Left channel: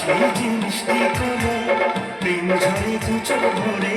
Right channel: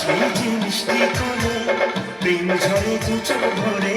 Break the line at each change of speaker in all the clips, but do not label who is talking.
সেই জিনিসটি করে প্রেম ঝরে দু চোখ ভরে।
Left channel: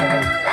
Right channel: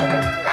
দুজন ভরে